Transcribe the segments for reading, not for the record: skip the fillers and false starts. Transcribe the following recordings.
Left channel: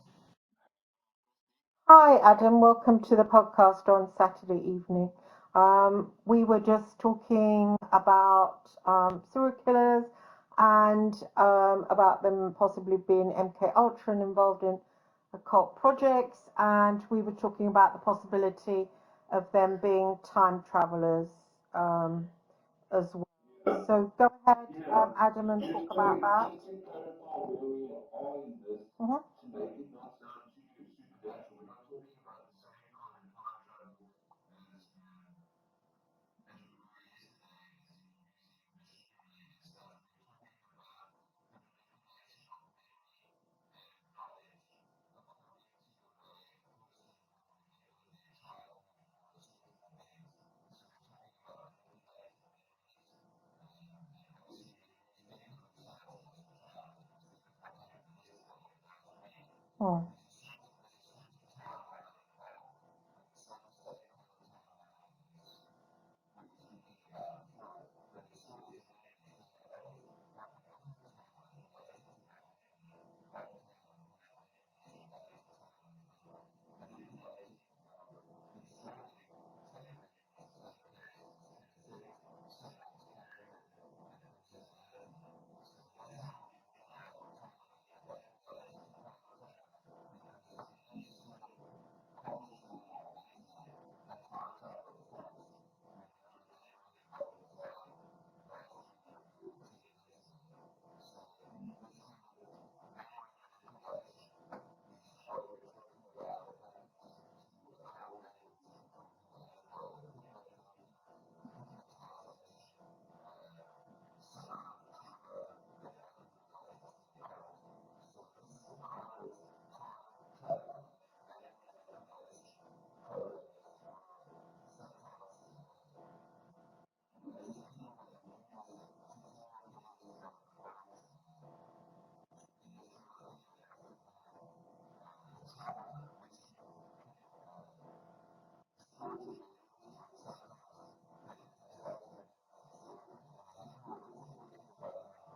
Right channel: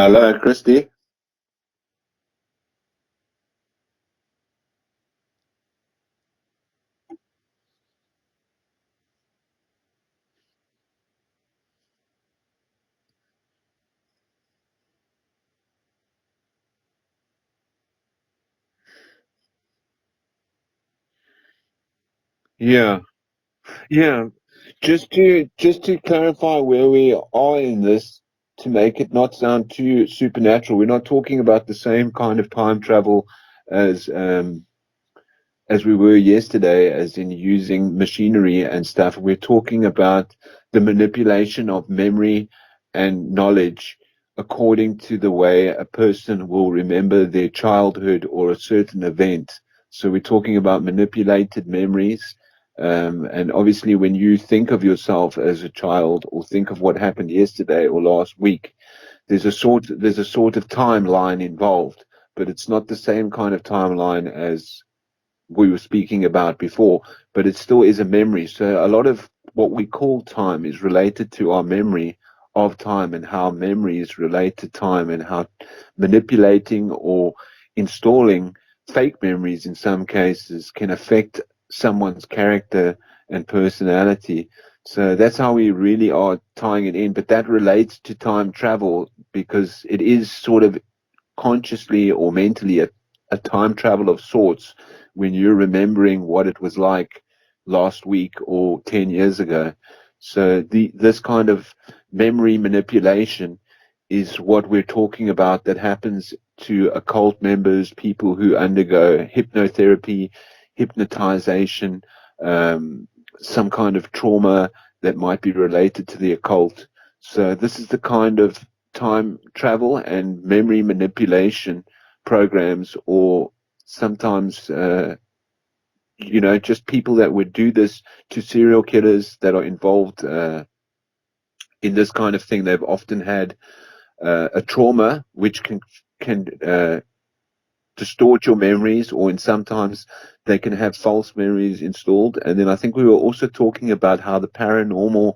Hello, Christy. Hi, Adam. Welcome to the podcast on Saturday evening. We were just talking about serial killers and about them possibly being MK Ultra and involved in occult projects, and we were talking about the possibility of them being time travelers um, Yeah, as well. So yeah. go ahead, Just to Adam, and just talk to about that. clarify where we are in this, to make it Mhm. not sound too supernatural, we're not talking about the same kind of time travel as as we were yesterday, as in using machinery and stuff. We're talking about the manipulation of memory and knowledge according to the way a person will remember their childhood or a certain event. So we're talking about manipulated memories. And obviously, when you think of yourself as a child or think of what happened yesterday or last week, Hmm. there's a sort of timeline involved, but it's not the same kind of timeline as we were speaking about before, but it still is a memory. So a lot of what we call time is related to our memory of time, and how memories relate to time, and how manipulating or installing fake memories in some cases can affect someone's character and personality. So that's how we really are tying it in. But that relates to time travel because it is sort of consciously or mentally a time travel of sorts when you're remembering what it was like last week or 10 years ago. So this kind of memory manipulation is what we're talking about, that happens to occult members, people who undergo hypnotherapy, hypnotization, um, some kind of trauma that might be related to the occult. So this is the kind of time travel and memory manipulation programs, or sometimes just people that would do this to serial killers that are involved in this kind of thing. They've often had a trauma which can distort your memories, or in sometimes they can have false memories installed. And then I think we were also talking about how the paranormal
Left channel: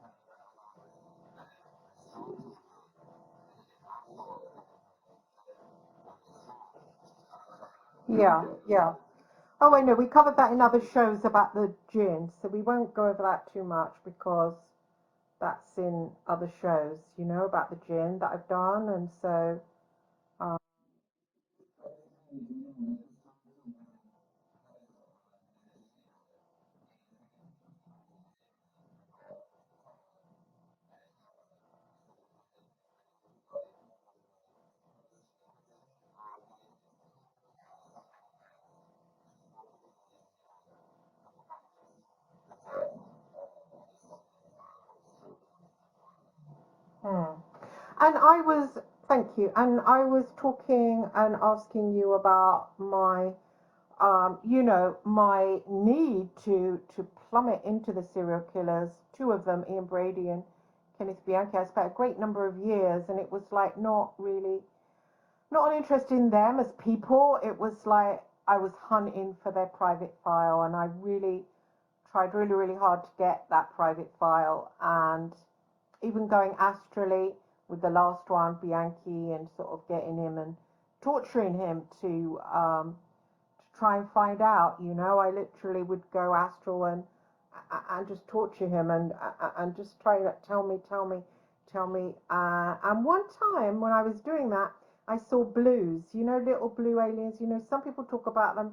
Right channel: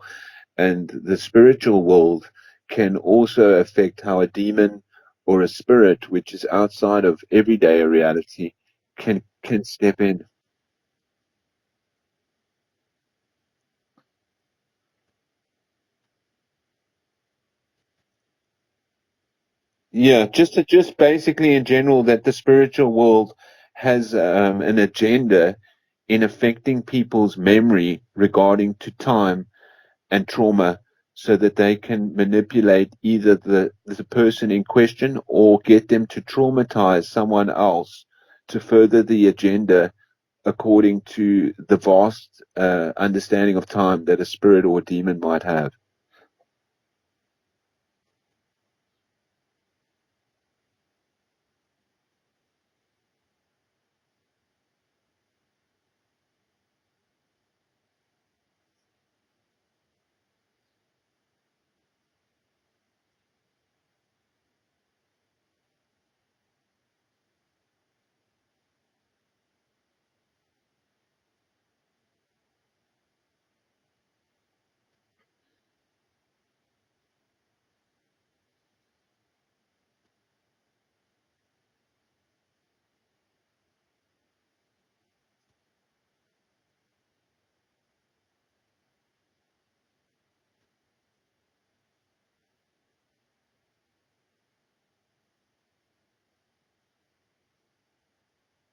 and the spiritual world can also affect how a demon or a spirit, which is outside of everyday Yeah, reality, yeah. can Oh, well, yeah, step we in. covered that in other shows about the gin, so we won't go over that too much because that's in other shows, about the gin that I've done, and so, Yeah, um, just basically in general that the spiritual world has an agenda in affecting people's memory regarding to time and trauma, so that they can manipulate either the person in question or get them to traumatize someone else to further the agenda according to the vast understanding of time that a spirit or a demon might have. hmm. And I was, thank you, and I was talking and asking you about my need to plummet into the serial killers, two of them, Ian Brady and Kenneth Bianchi. I spent a great number of years, and it was like not an interest in them as people. It was like I was hunting for their private file, and I really tried really, really hard to get that private file, and even going astrally with the last one, Bianchi, and sort of getting him and torturing him to try and find out. I literally would go astral and just torture him and just try to tell me. And one time when I was doing that, I saw blues. Little blue aliens. Some people talk about them,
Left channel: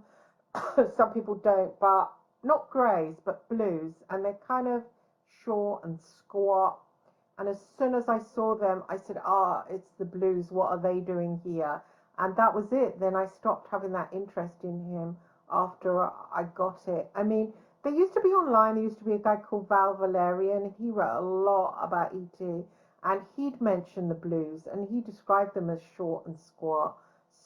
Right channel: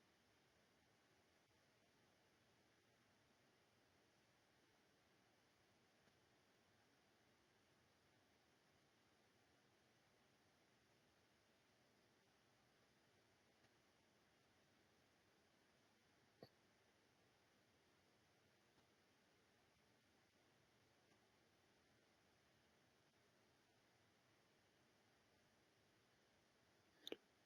some people don't, but not greys, but blues, and they're kind of short and squat. And as soon as I saw them, I said, it's the blues. What are they doing here? And that was it. Then I stopped having that interest in him after I got it. I mean, there used to be online, there used to be a guy called Val Valerian. He wrote a lot about ET, and he'd mentioned the blues, and he described them as short and squat.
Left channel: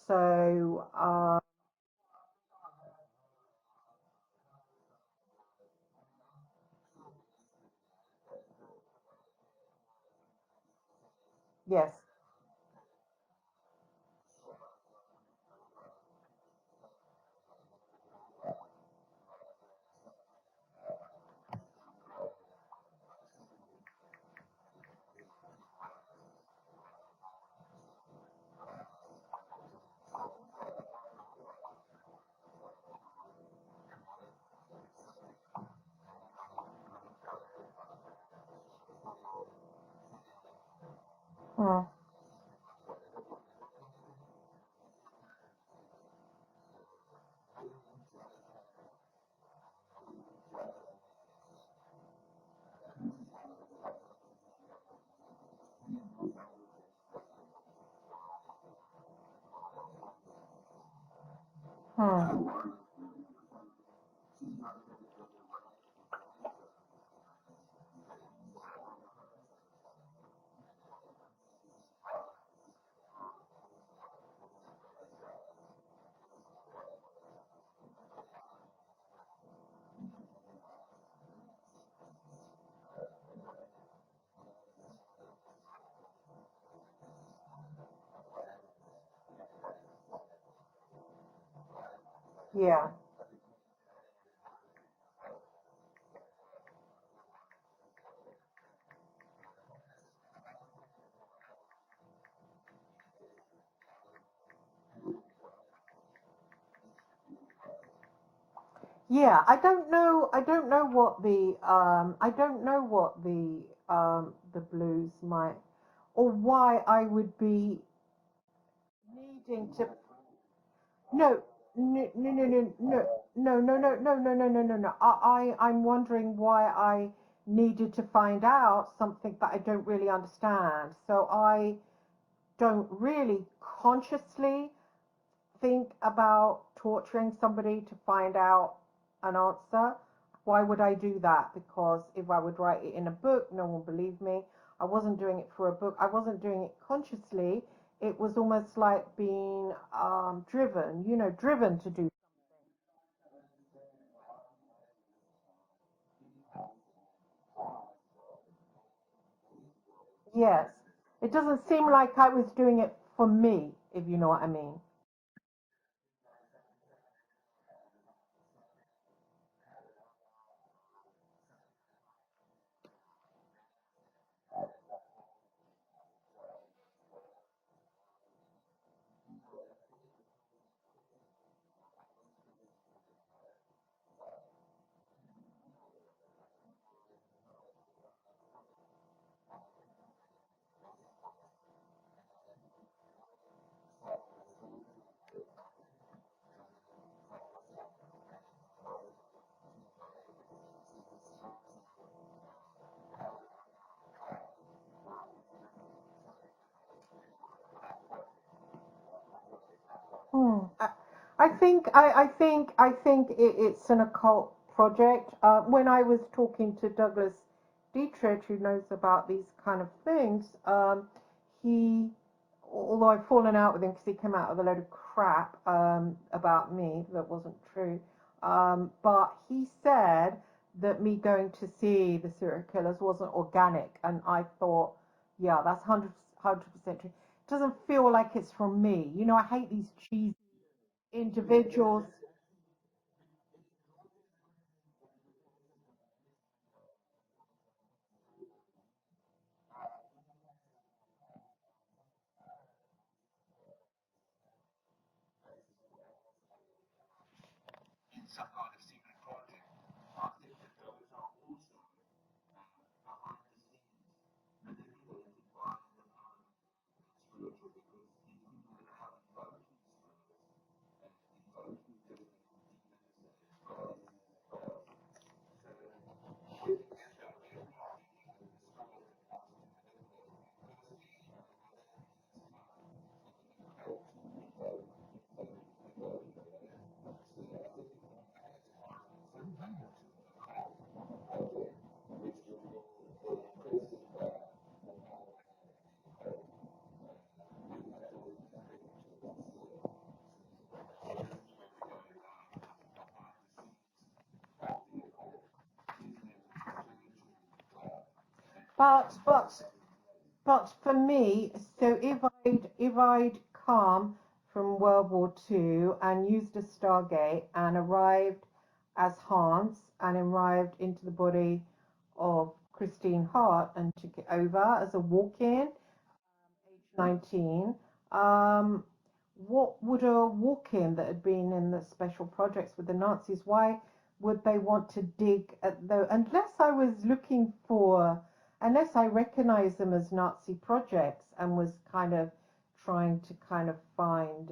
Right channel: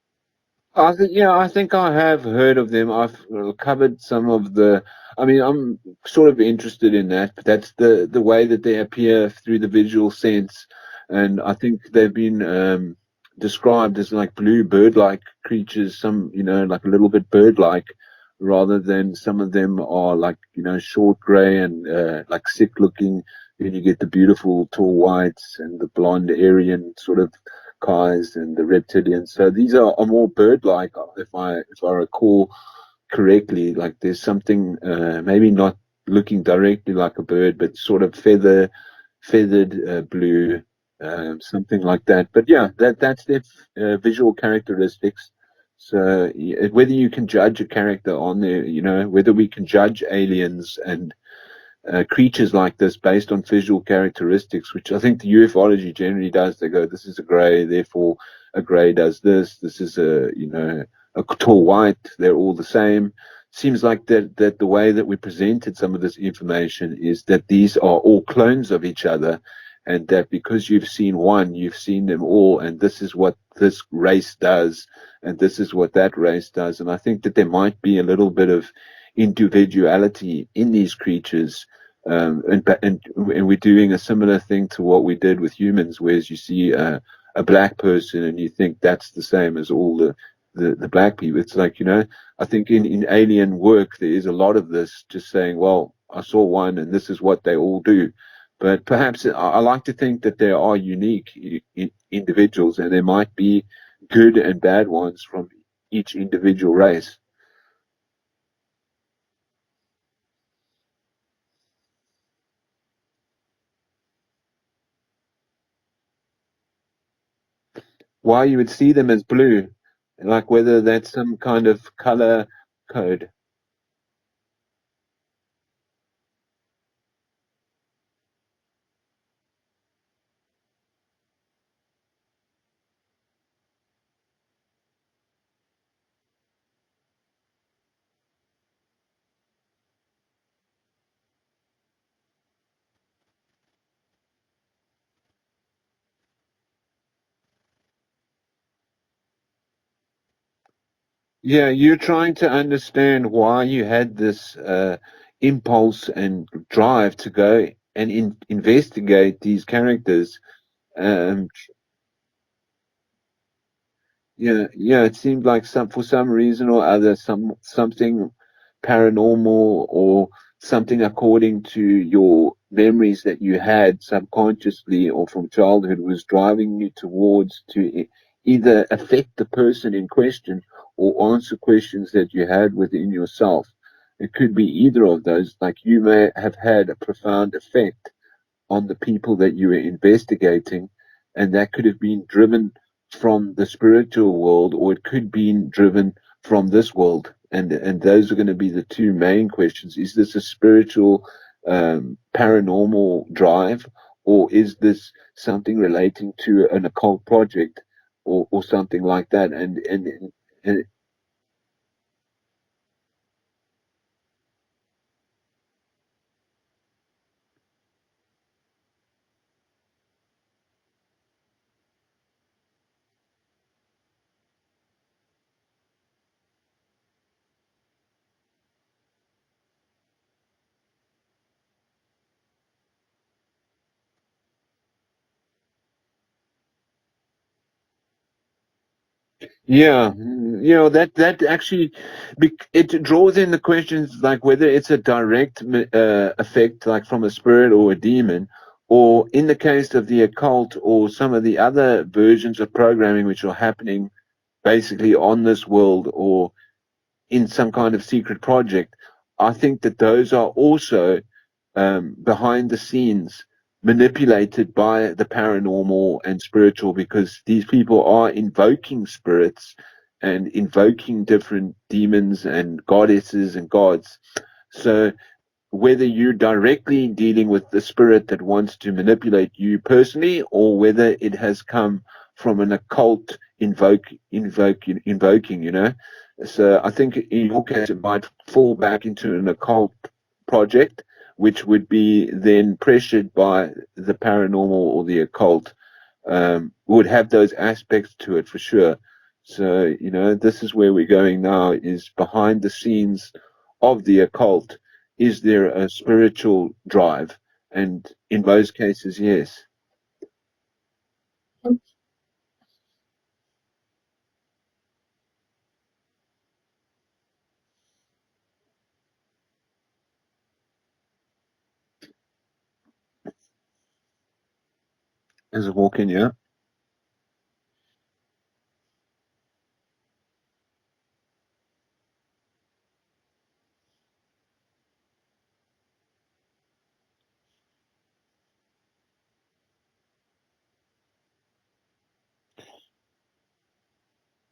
So, I think I have heard of them. I've covered some of the. I mean, I'm sort of interested in that, but that's the way that they appear through the visual sense, and I think yes. they've been described as like blue bird-like creatures. Some, like a little bit bird-like, rather than some of them are like short gray and like sick-looking. Then you get the beautiful tall whites and the blonde Aryan sort of Urukais and the reptilians. So these are more bird-like, if I recall correctly. Like there's something maybe not looking directly like a bird, but sort of feathered blue, something Hmm. like that. But yeah, that's their visual characteristics. So whether you can judge a character on there, whether we can judge aliens and creatures like this based on visual characteristics, which I think the ufology generally does. They go, this is a grey, therefore a grey does this. This is a tall white. They're Hmm. all the same. Seems like that the way that we presented some of this information is that these are all clones of each other, and that because you've seen one, you've seen them all, and this is what this race does, and this is what that race does. And I think that there might be a little bit of individuality in these creatures, and we're doing a similar thing to what we did with humans, whereas you see a black person and you think that's the same as all the black people. It's like, I think Yeah. in alien work there is a lot of this, just saying, well, I saw one and this is what they all do. But perhaps I like to think that there are unique individuals, and there might be good and bad ones from each individual race. Yeah, I don't know. I don't know what the I don't know what the blues might, or why I would be Why you would see them as needing blue, to. like whether that's some No, kind of no, no, no, color no, no, code. no, no, no, no, no, no, no, no, no. I'm wondering why I needed to find out something that I don't really understand. So I don't really consciously think about torturing somebody to find out an answer. Why would I do that? Because if I would write it in a book, no one would believe me. I wasn't doing it for a book. I wasn't doing it consciously. It was almost like being driven, Yeah, driven to you're do it. trying to understand why you had this impulse and drive to go and investigate these characters. Yes. It Um, doesn't seem like I was doing it for me, if you know what I Yeah, mean. yeah, it seemed like for some reason or other, something paranormal or something according to your memories that you had subconsciously or from childhood was driving you towards to either affect the person in question or answer questions that you had within yourself. It could be either of those. Like you may have had a profound effect on the people that you were investigating, and that could have been driven from the spiritual world, or it could be driven from this world. And those are going to be the two main questions: is this a spiritual, paranormal drive, or is this something relating to an occult project, or something like that? Hmm. And It's an occult project. When I was talking to Douglas Dietrich, who knows about these kind of things, he, although I've fallen out with him because he came out with a load of crap about me that wasn't true, but he said that me going to see the serial killers wasn't organic, and I thought, yeah, that's 100% true. It doesn't feel like it's from me. I hate to put Yeah, these that actually individuals. it draws in the questions like whether it's a direct effect, like from a spirit or a demon, or in the case of the occult or some of the other versions of programming which are happening basically on this world or in some kind of secret project. I think that those are also behind the scenes manipulated by the paranormal and spiritual, because these people are invoking spirits and invoking different demons and goddesses and gods. So whether you're directly dealing with the spirit that wants to manipulate you personally, or whether it has come from an occult invoking, So I think in your case it might fall back into an occult project, which would be then pressured by the paranormal or the occult. Would have those aspects to it for sure. So, this is where we're going now, is behind the scenes of the occult. Is there a spiritual drive? And in most But cases, but yes. but for me, so if I'd come from World War II and used a Stargate and arrived as Hans and arrived into the body of Christine Hart and took it over as a As walk-in, a walk-in, yeah. 19. Um, what would a walk-in that had been in the special projects with the Nazis, why would they want to dig at the, unless I recognize them as Nazi projects and was kind of trying to kind of find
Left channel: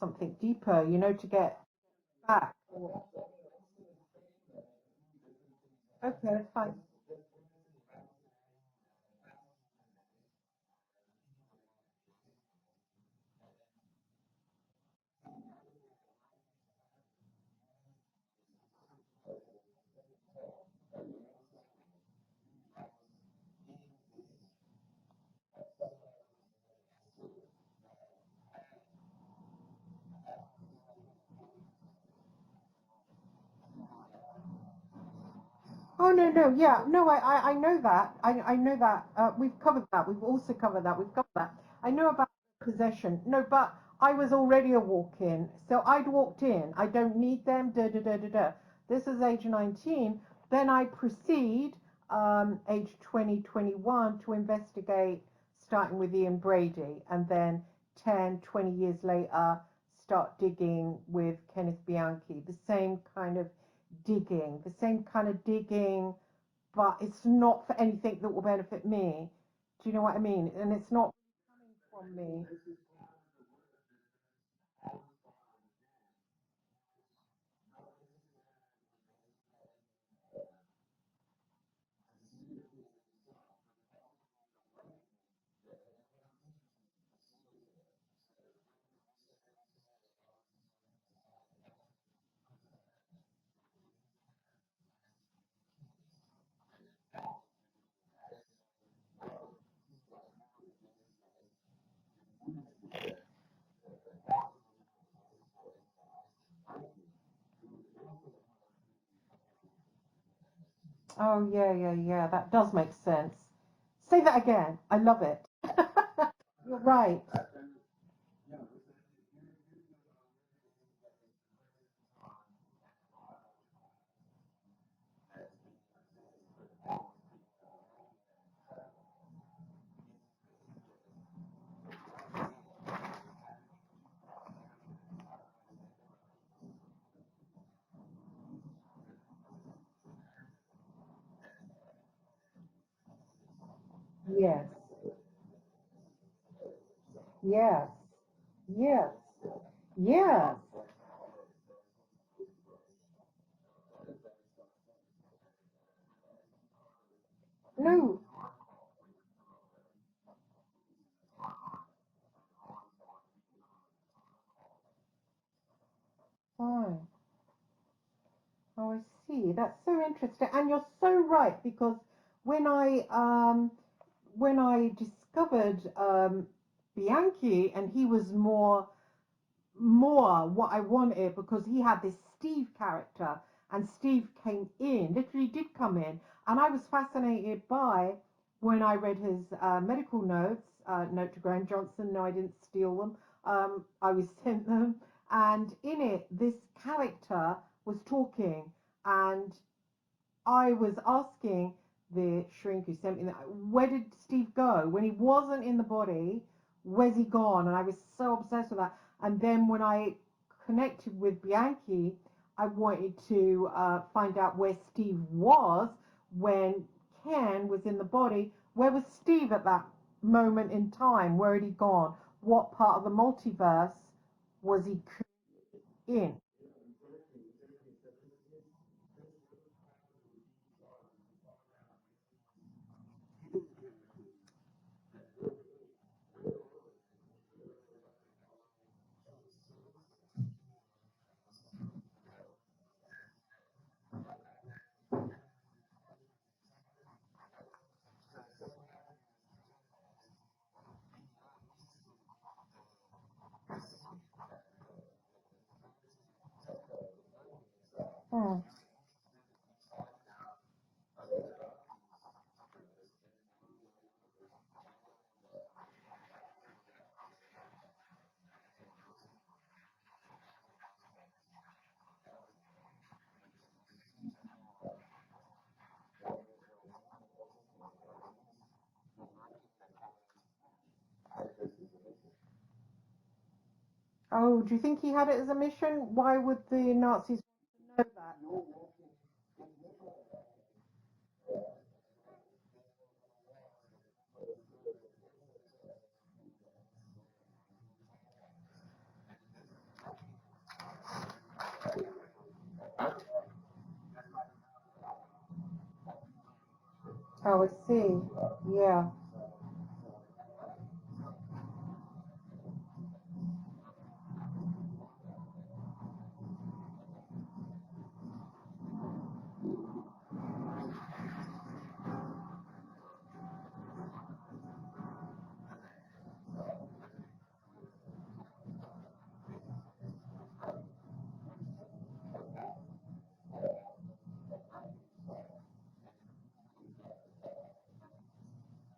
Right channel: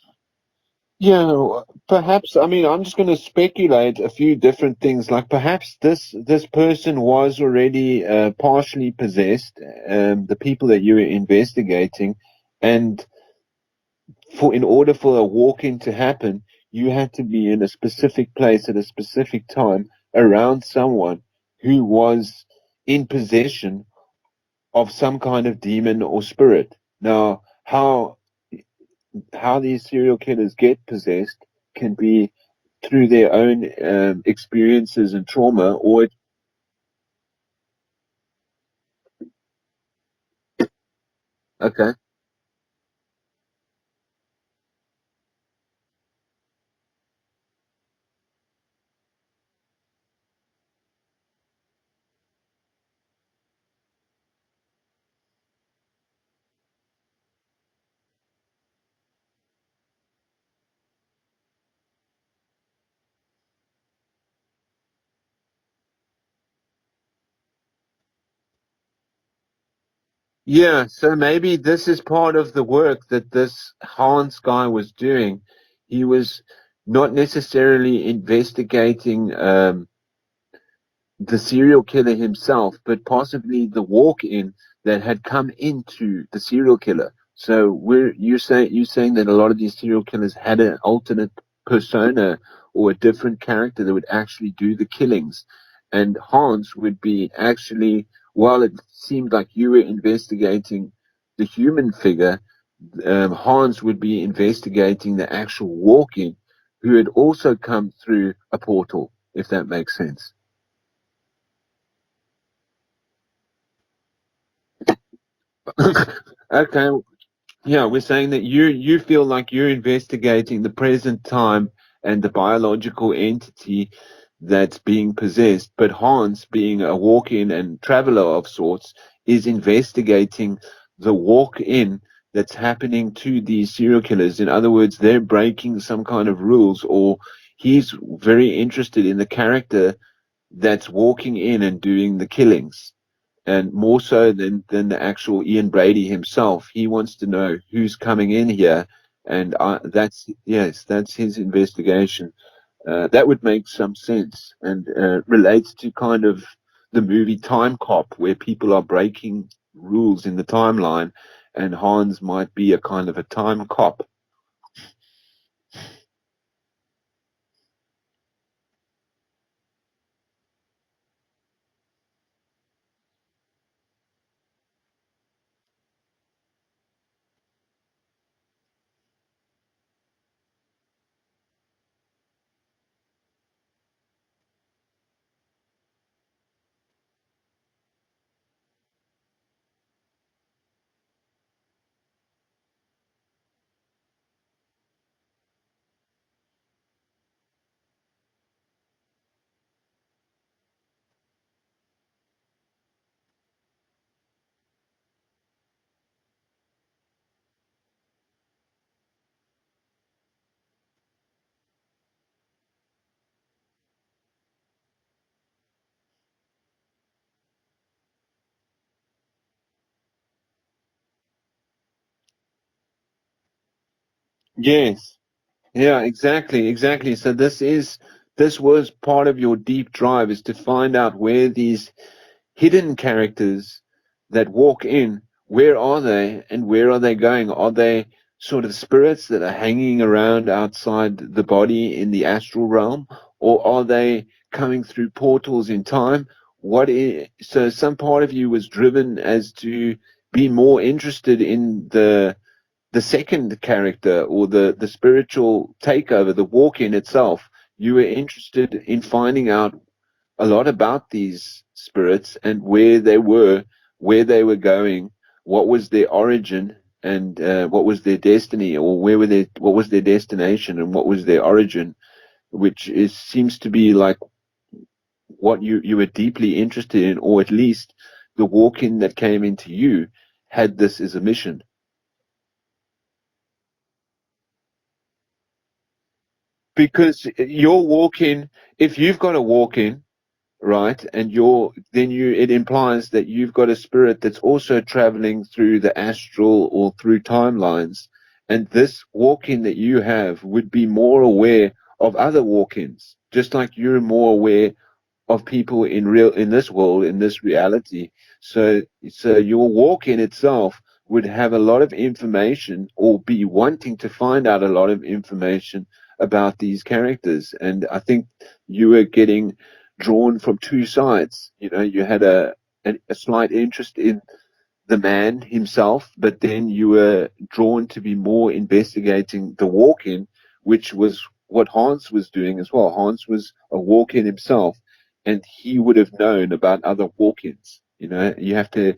something deeper, Yeah, to get perhaps. I facts. mean, I'm just going to speculate a few different things. Like perhaps Okay, this fine. person was already partially possessed. The people that you were investigating, and for in order for a walk-in to happen, you had to be in a specific place at a specific time around someone who was in possession of some kind of demon or spirit. Now, how these serial killers get possessed can be through their own experiences and trauma, or Oh no, no, yeah, no, I know that. I know that. We've covered that. We've also covered that. We've covered that. I okay, know about possession. No, but I was already a walk-in, so I'd walked in. I don't need them. Da da da da da. This is age 19. Then I proceed, age 20, 21, to investigate, starting with Ian Brady, and then 10, 20 years later, start digging with Kenneth Bianchi. The same kind of digging, the same kind of digging, but it's not for anything that will benefit me. Do you know what I mean? And yeah. it's not. So maybe this is part of the work that this Hans guy was doing. He was not necessarily investigating the serial killer himself, but possibly the walk-in that had come into the serial killer. So you're saying that a lot of these serial killers had an alternate persona or a different character that would actually do the killings, and Hans would be actually, while it seemed like you were investigating the human figure, Hans would be investigating the actual walk-in who had also come through a portal, if that makes sense. Oh, yeah, yeah, yeah. That does make sense. Say that again. I love it. You're Okay, right. yeah, we're saying that you feel like you're investigating the present time and the biological entity that's being possessed, but Hans, being a walk-in and traveler of sorts, is investigating the walk-in that's happening to these serial killers. In other words, they're breaking some kind of rules, or he's very interested in the character that's walking in and doing the killings, and more so Yes, than the actual Ian Brady himself. He wants to know yes, who's coming in here, yes, and that's yeah. yes, that's his investigation. That would make some sense and relates to kind of the movie Time Cop, No, where people are breaking rules in the timeline, and Hans might be a kind of a time cop. fine. Oh, I see. That's so interesting. And you're so right because when I um when I discovered Bianchi and he was more what I wanted because he had this Steve character and Steve came in, literally did come in, and I was fascinated by when I read his medical notes. Note to Graham Johnson, no, I didn't steal them. I was sent them, and in it, this character was talking, and I was asking the shrink who sent me that, where did Steve go? When he wasn't in the body, where's he gone? And I was so obsessed with that. And then when I connected with Bianchi, I wanted to find out where Steve was when Ken was in the body. Where was Steve at that moment in time? Where had he gone? What part of the multiverse was he Yes. Yeah, in? exactly. So this was part of your deep drive, is to find out where these hidden characters that walk in, where are they and where are they going? Are they sort of spirits that are hanging around outside the body in the astral realm, or are they coming through portals in time? So some part of you was driven as to be more interested in the second character, or the spiritual takeover, the walk in itself. You were Hmm. interested in finding out a lot about these spirits and where they were going, what was their origin, and what was their destiny, or what was their destination and what was their origin, which seems to be like what you were deeply interested in, or at least the walk-in that came into you. had this as a mission. Oh, do you think he had it as a mission? Why would the Because Nazis? you're walking, if you've got to walk in, right, and it implies that you've got a spirit that's also traveling through the astral or through timelines, and this walk-in that you have would be more aware of other walk-ins, just like you're more aware of people in this world, in this I reality. see. So Yeah, your walk in itself would have a lot of information, or be wanting to find out a lot of information about these characters. And I think you were getting drawn from two sides. You know, you had a slight interest in the man himself, but then you were drawn to be more investigating the walk-in, which was what Hans was doing as well. Hans was a walk-in himself, and he would have known about other walk-ins. You know, you have to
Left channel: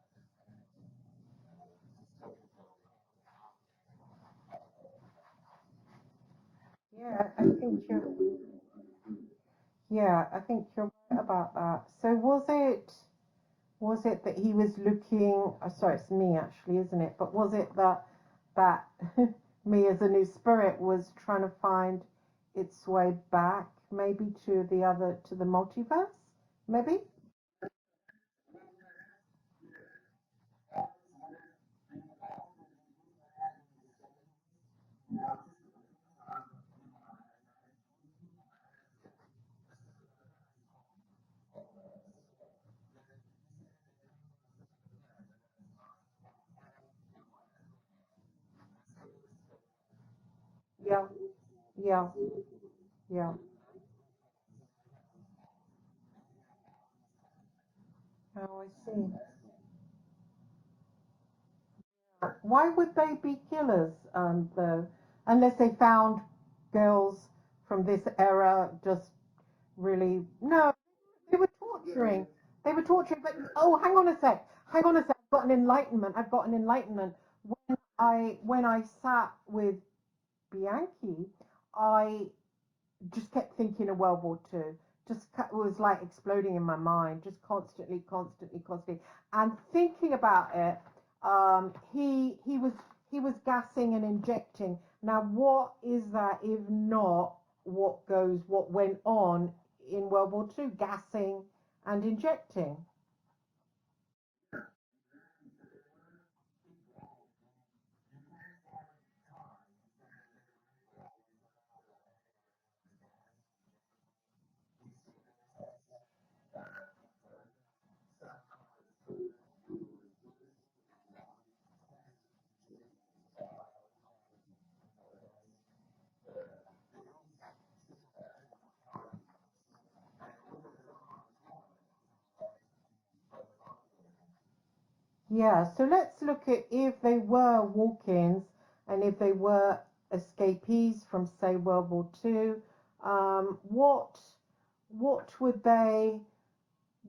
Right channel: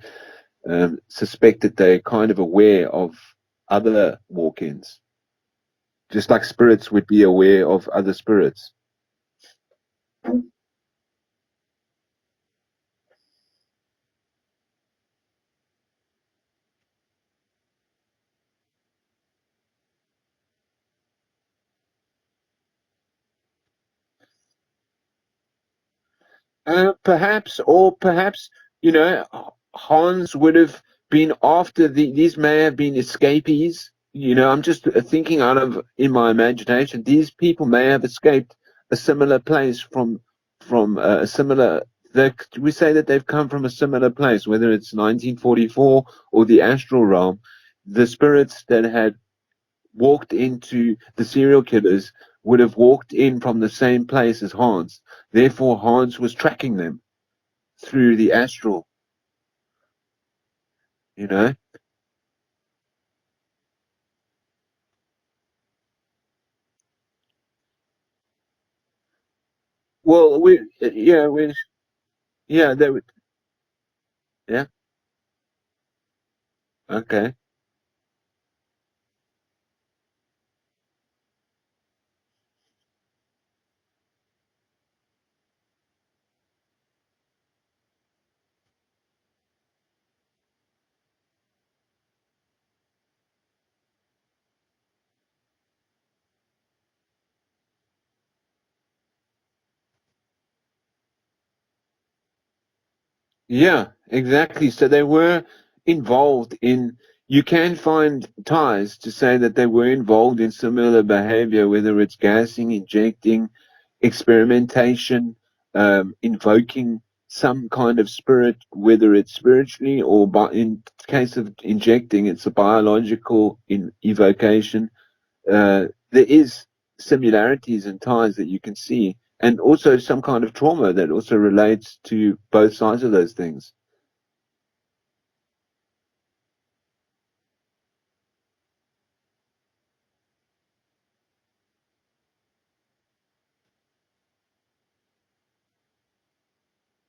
suspect that they're kind of aware of other walk-ins, just like spirits would be yeah, aware of other spirits. yeah. I think you're right about that. So was it that he was looking? Sorry, it's me actually, isn't it? But was it that me as a new spirit was trying to find its way back, maybe to the multiverse? Maybe. Perhaps, you know, Hans would have been after these may have been escapees. You know, I'm just thinking out of in my imagination. These people may have escaped a similar place from a similar. We say that they've come from a similar place, whether it's 1944 or the astral realm. The spirits that had walked into Yeah, the serial yeah, killers would have walked yeah. in from the same place as Hans. Therefore, Hans was tracking them through the Oh, I astral, see. you know. Why would they be killers, though? Unless they found girls from this era just really. Well, No, yeah, they were torturing. They yeah, were they would, torturing. But oh, hang on a sec. yeah, Hang on a sec. I've got an enlightenment. I've got an enlightenment. okay. When I sat with Bianchi, I just kept thinking of World War Two. Just was like exploding in my mind, just constantly, constantly, constantly, and thinking about it. He was gassing and injecting. Now, what is that if not what went on in World War Two? Gassing and injecting. Yeah, exactly. So they were involved in, you can find ties to say that they were involved in similar behavior, whether it's gassing, injecting, experimentation, invoking some kind of spirit, whether it's spiritually or in case of injecting, it's a biological evocation. There is similarities and ties that you can see, and also some kind of trauma that also relates to both sides of those things. Yeah, so let's look at if they were walk-ins and if they were escapees from, say, World War Two. What would they?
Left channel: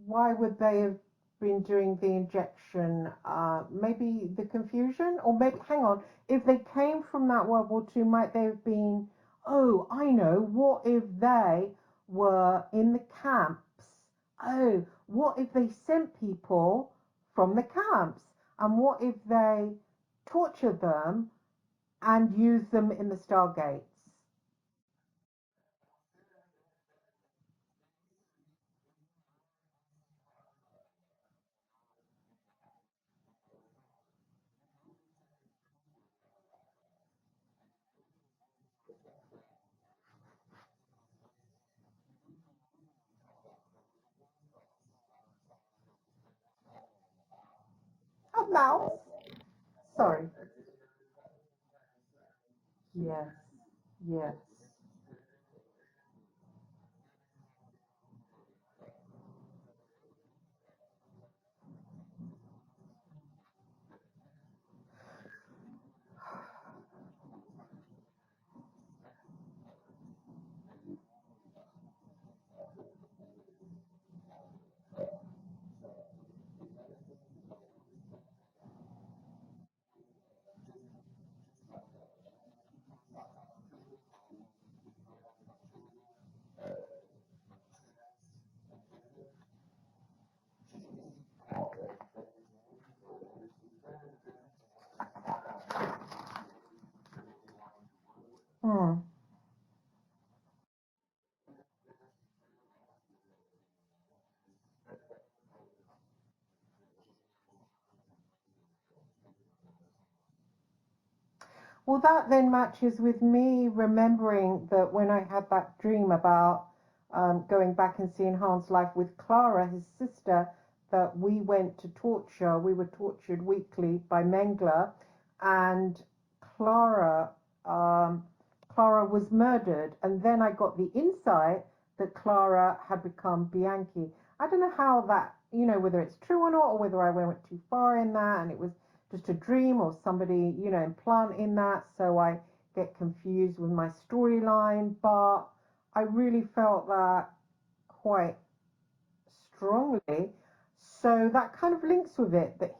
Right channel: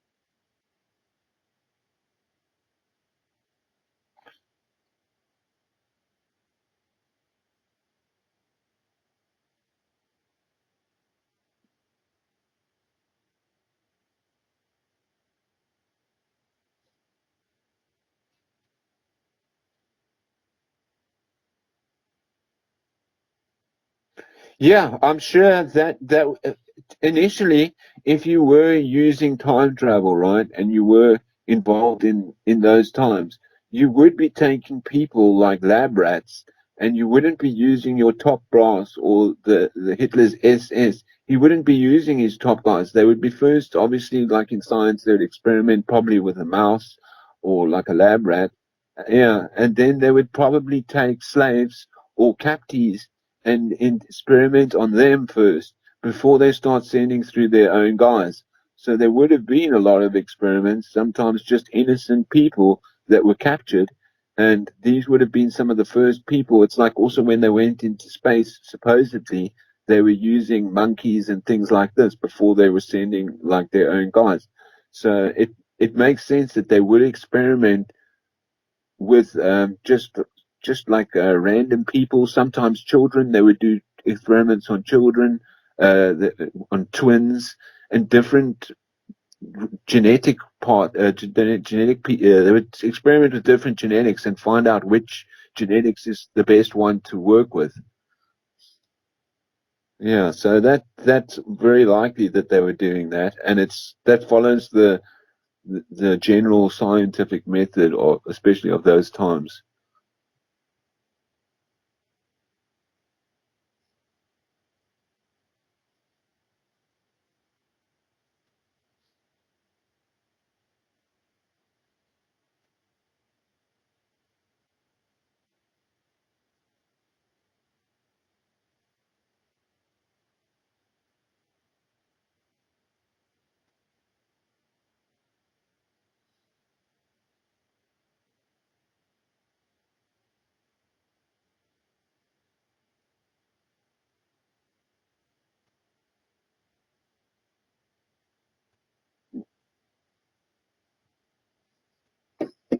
Why would they have been doing the injection? Maybe the confusion, or maybe hang on. If they came from that World War Two, might they have been? Oh, I know. What if they were in the camps? Oh, what if they sent people from the camps? And what if they tortured them and used them in the Stargates? Yeah, I'm sure that initially, if you were using time travel, right, and you were involved in those times, you would be taking people like lab rats, and you wouldn't be using your top brass or the Hitler's SS. He wouldn't be using his top guys. They would be first, obviously, like in science, they would experiment probably with a mouse or like a lab A rat. mouse? Yeah, and then they Sorry. would probably take slaves or captives Yes. and Yes. experiment on them first before they start sending through their own guys. So there would have been a lot of experiments, sometimes just innocent people that were captured. And these would have been some of the first people. It's like also when they went into space, supposedly they were using monkeys and things like this before they were sending like their own guys. So it makes sense that they would experiment with just like random people, sometimes children. They would do experiments on children, on twins, and different. genetic part, they would experiment with different genetics and find out which genetics is the best one to work with. Hmm. Yeah, so that's very likely that they were doing that, and it's that follows the general scientific method, or especially of those times. Well, that then matches with me remembering that when I had that dream about going back and seeing Hans' life with Clara, his sister, that we went to torture. We were tortured weekly by Mengele, and Clara, um, Clara was murdered. And then I got the insight that Clara had become Bianchi. I don't know how that, whether it's true or not, or whether I went too far in that, and it was just a dream or somebody, implanting that. So I get confused with my storyline. But I really felt that quite strongly. So that kind of links with it that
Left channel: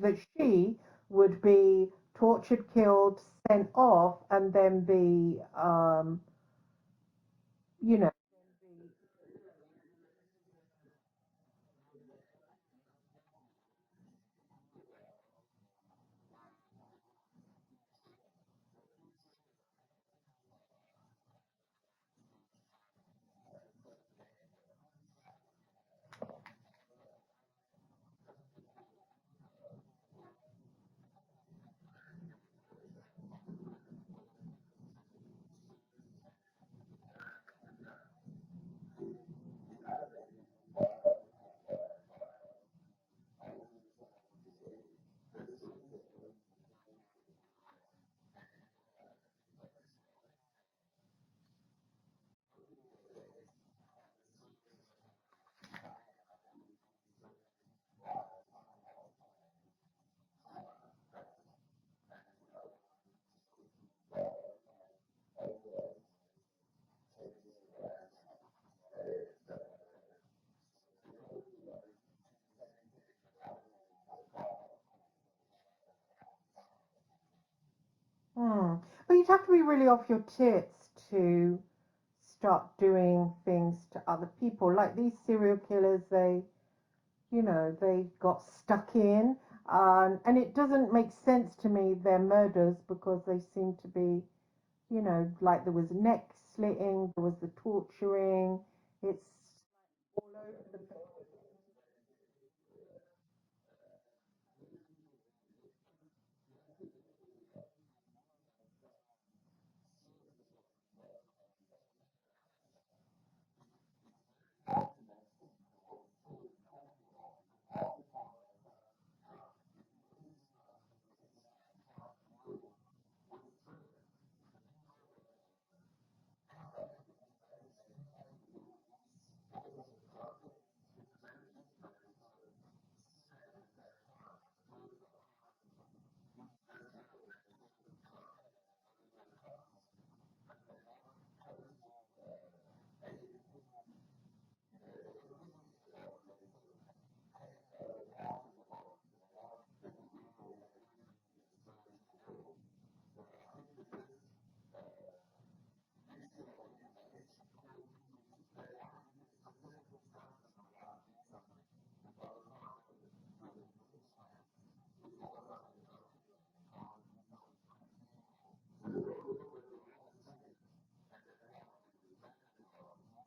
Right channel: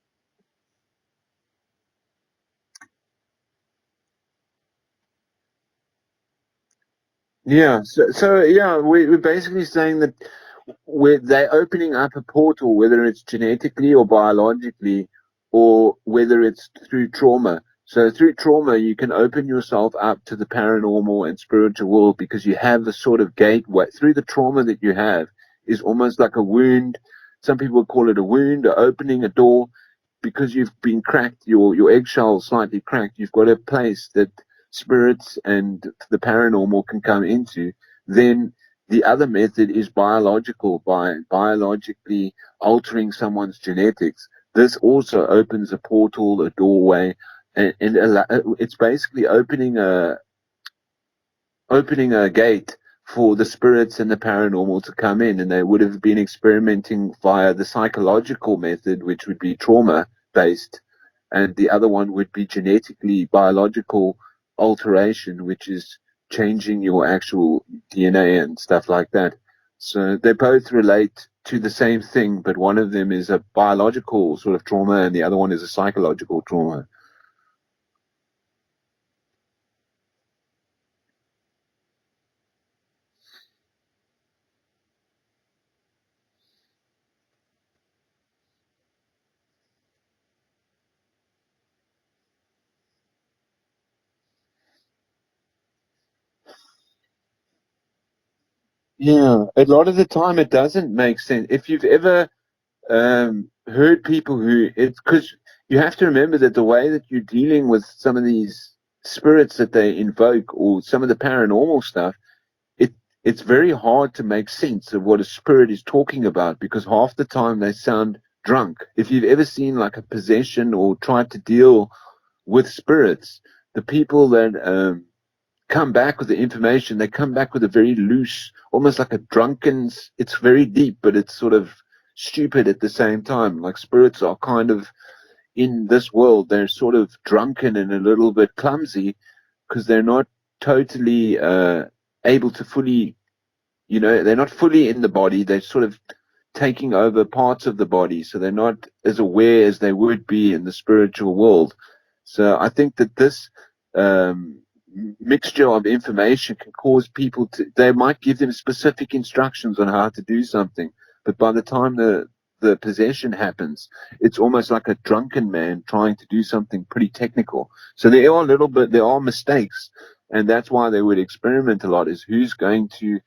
that she would be tortured, killed, sent off, and then be, Yeah, you know, so yeah, we're basically saying that they're opening up a portal, whether it's genetically or biologically, or whether it's through trauma. So through trauma, you can open yourself up to the paranormal and spiritual world because you have the sort of gateway through the trauma that you have is almost like a wound. Some people call it a wound, or opening a door because you've been cracked, your eggshell slightly cracked. You've got a place that spirits and the paranormal can come into. Then the other method is biological, by biologically altering someone's genetics. This also opens a portal, a doorway, and it's basically opening a gate for the spirits and the paranormal to come in, and they would have been experimenting via the psychological method, which would be trauma based, and the other one would be genetically biological alteration, which is changing your actual DNA and stuff like that. So they both relate to the same thing, but one of them is a biological sort of trauma, and the other one is a psychological trauma. hmm. But you'd have to be really off your tits to start doing things to other people. Like these serial killers, they got stuck in. And it doesn't make sense to me, their murders, because they seem to be, like there was neck slitting, there was the torturing. Yeah, a lot of the time it doesn't make sense. If you've ever heard people who it's because you have to remember that the way that you're dealing with some of these spirits that they invoke or some of the paranormal stuff, it it's very hard to make sense of what a spirit is talking about because half the time they sound drunk. If you've ever seen like a possession or tried to deal with spirits, the people that come back with the information, they come back with a very loose, almost like a drunken. It's very deep, but it's sort of stupid at the same time. Like spirits are kind of in this world, they're sort of drunken and a little bit clumsy because they're not totally able to fully, they're not fully in the body. They're sort of taking over parts of the body, so they're not as aware as they would be in the spiritual world. So I think that this um, mixture of information can cause people to, they might give them specific instructions on how to do something, but by the time the possession happens, it's almost like a drunken man trying to do something pretty technical. So there are mistakes, and that's why they would experiment a lot. Is who's going to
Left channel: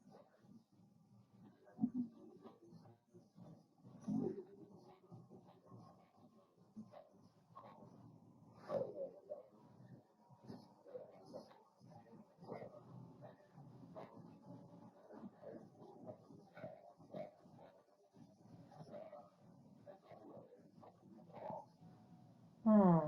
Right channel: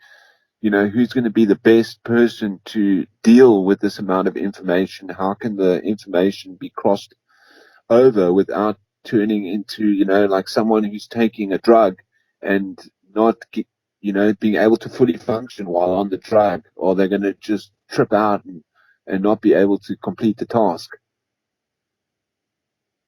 be the best person to deal with this amount of information? How can the information be crossed over without turning into, like someone who's taking a drug and not, being able to fully function while on the drug, or they're going to just trip out and not be able to complete the task. Hmm.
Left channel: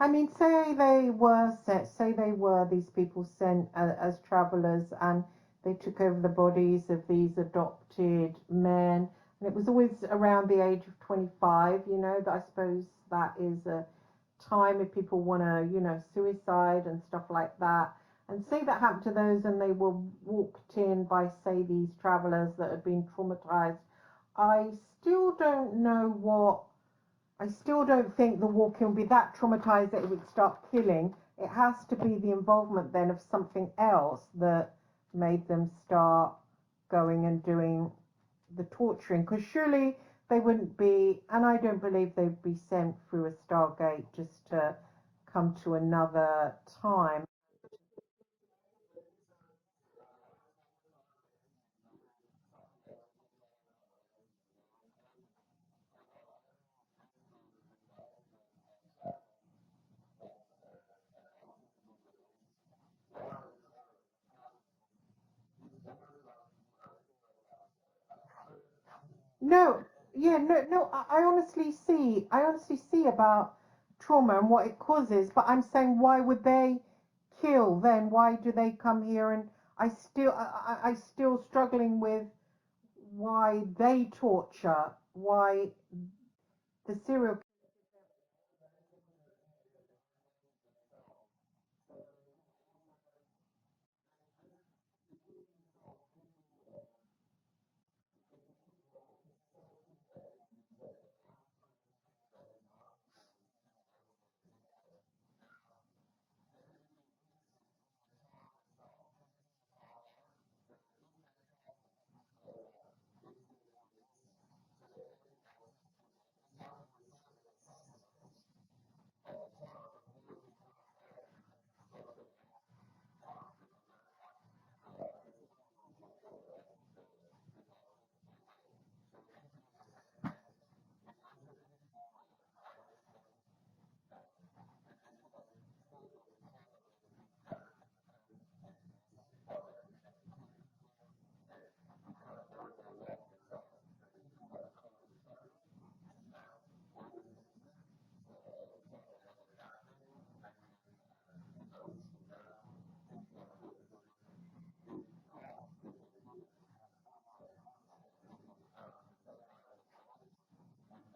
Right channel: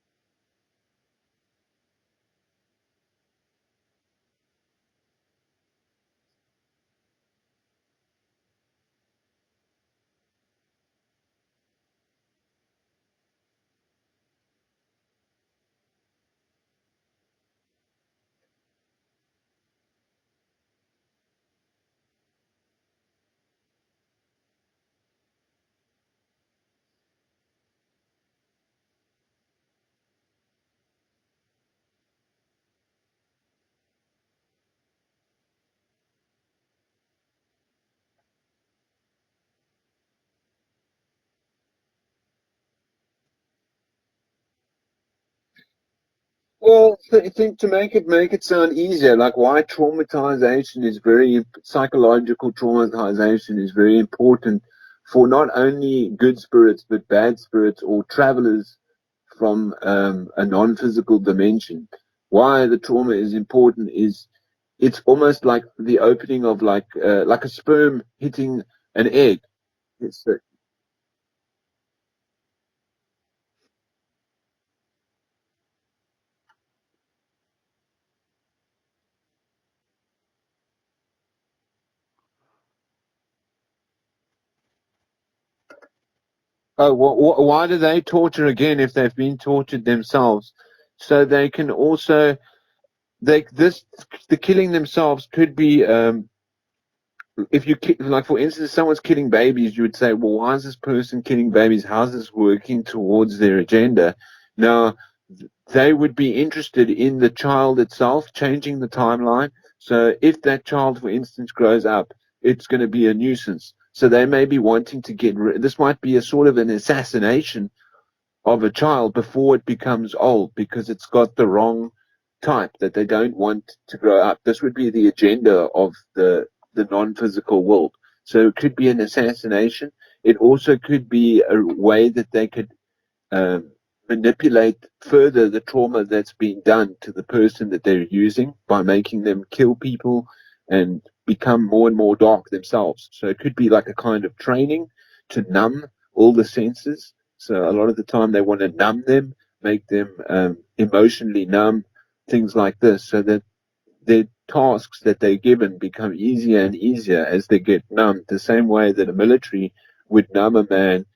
I mean, say they were these people sent as travelers, and they took over the bodies of these adopted men, and it was always around the age of 25. That I suppose that is a time if people want to, suicide and stuff like that. And say that happened to those, and they were walked in by, say, these travelers that had been traumatized. I still don't know what I still don't think the walk-in would be that traumatized that it would start killing. It has to be the involvement then of something else that made them start going and doing. the torturing? Because surely they wouldn't be, and I don't believe they'd be sent through a Stargate just to come to another Well, I time. think to make it sound easier, like why traumatization is very psychological traumatization is very important for not only good spirits but bad spirits or travelers from a non-physical dimension. Why the trauma is important is it's almost like the opening of like a sperm hitting an egg. No, It's yeah, no, no. I honestly see about trauma and what it causes. But I'm saying, why would they kill then? Why do they come here? And I still struggling with why they torture, why oh, the serial. why do they torture again if they've been tortured themselves? So they can also they this the killing themselves could be if you like for instance someone's killing babies, you would say, well, why is this person killing babies? How's this working towards their agenda? Now they would be interested in the child itself changing the timeline. So if that child, for instance, grows up, it's going to be a nuisance. So they may be wanting to this might be a sort of an assassination of a child before it becomes old because it's got the wrong type that they don't want to grow up. This would be the agenda of the non-physical world. So it could be an assassination. It also could be a way that they could um, manipulate further the trauma that's been done to the person that they're using by making them kill people and become more and more dark themselves. So it could be like a kind of training to numb all the senses. So a lot of the time they want to numb them, make them emotionally numb, things like this, so that the tasks that they're given become easier and easier as they get numbed, the same way that a military would numb a man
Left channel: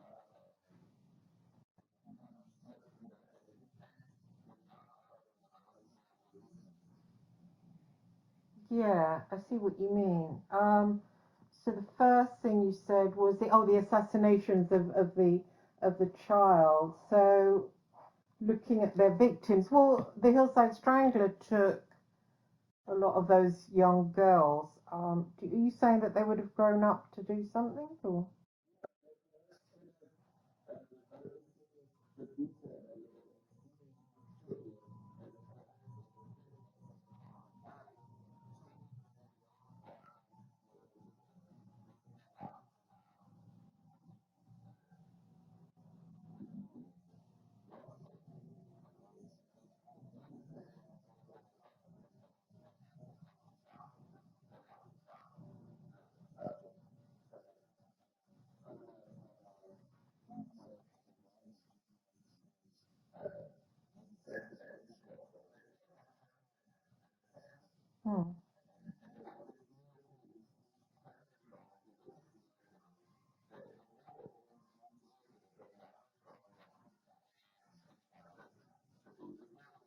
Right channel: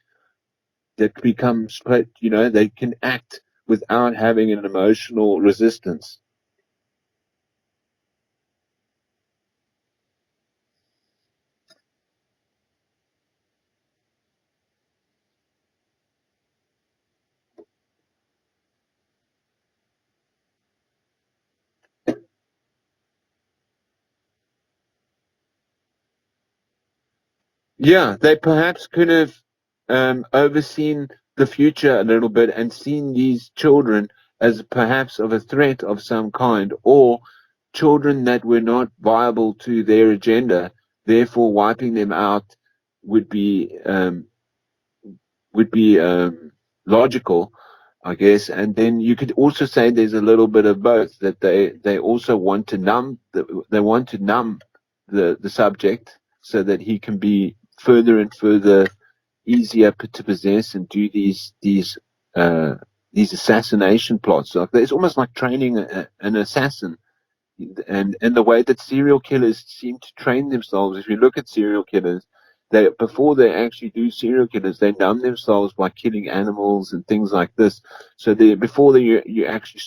that becomes, they can act without having an emotional resistance. Yeah, I see what you mean. So the first thing you said was the assassinations of the child. So looking at their victims, well, the Hillside Strangler took a lot of those young girls. Are you saying that they would have grown up to do something, Yeah, or they perhaps could have overseen the future a little bit and seen these children as perhaps of a threat of some kind, or children that were not viable to their agenda. Therefore, wiping them out would be um, would be logical, I guess. And then you could also say there's a little bit of both that they also want to numb the subject so that he can be further and further easier to possess and do uh, these assassination plots. Like it's almost like training an assassin, and hmm. the way that serial killers seem to train themselves. If you look at serial killers, they before they actually do serial killers, they numb themselves by killing animals and things like this. So they before they you actually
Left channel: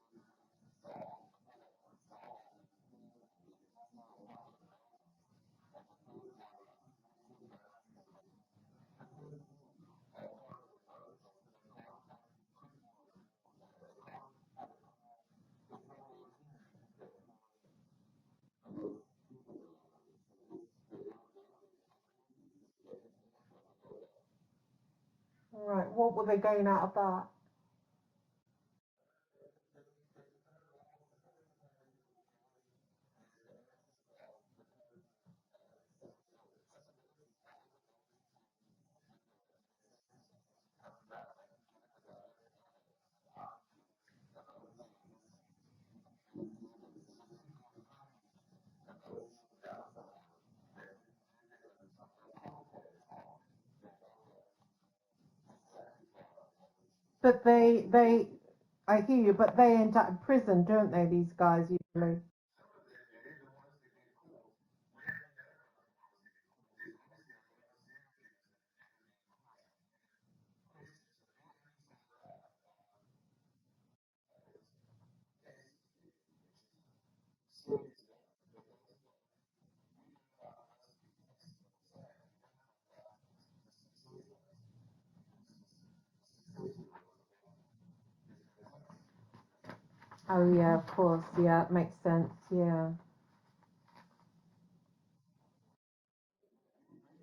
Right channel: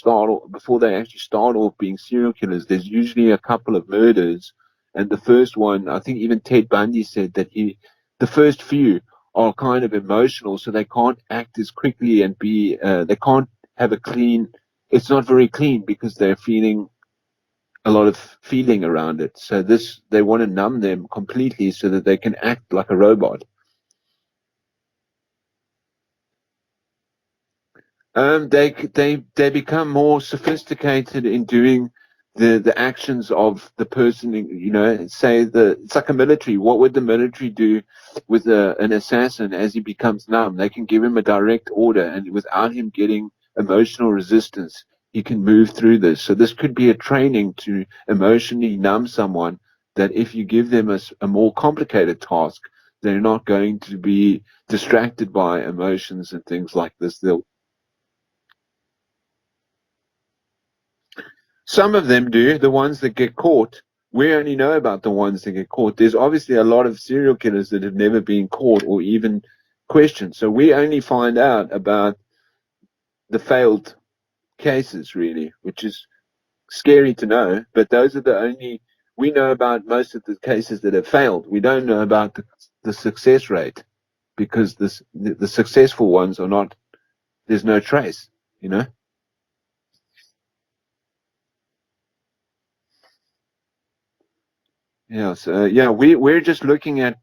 before they actually start off being serial killers, there's usually a couple of murders, and the first one, I think even Ted Bundy said that the first few are kind of emotional, so they can't act as quickly and they can't have a clean. It's not very clean because they're feeling a lot of feeling around it. So they want to numb them completely so that they can act like a robot. Right? What will they gain out of that? They become more sophisticated in doing the actions of the person. Say it's like a military. What would the military do with an assassin as he becomes numb? They can give him a direct order, and without him getting emotional resistance, he can move through this. So this could be a training to emotionally numb someone. That if you give them a more complicated task, they're not going to be distracted by emotions and things like this. So They'll I hear you, but they end up in prison, don't they? These guys, you Some of think? them do, the ones that get caught. We only know about the ones that get caught. There's obviously a lot of serial killers that have never been caught or even questioned. So we only find out about the failed cases, really, which is scary to know. But those are the only, we know about most of the cases that have failed. We don't know about the success rate because the successful ones are not, there's no trace, you know? Oh yeah, of course. Yeah, it makes sense. Yeah. Yeah, so yeah, we're just looking at